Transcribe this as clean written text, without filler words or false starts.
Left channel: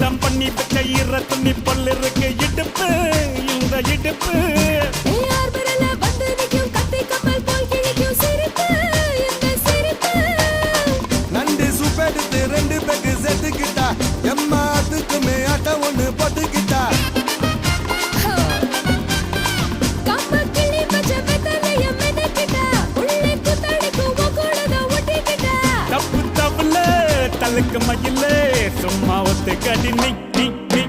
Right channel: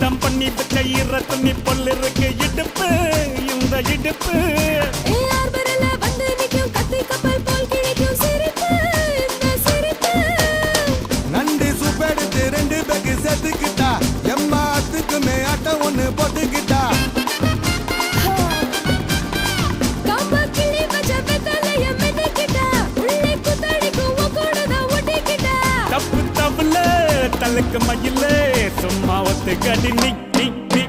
தான் பண்ணி வச்ச ஈர துணி பொல்லு இருக்கு இடுப்பு இந்த இடுப்பு நண்டு சுப்பெடுத்து ரெண்டு பேருக்கு செத்துக்கிட்டா எம்மாத்துக்குமே ஆட்டம் ஒண்ணு போட்டுக்கிட்டா தப்பு தப்புல தலுக்கு மயில சும்மா ஒத்து கடி நீ நீ நீ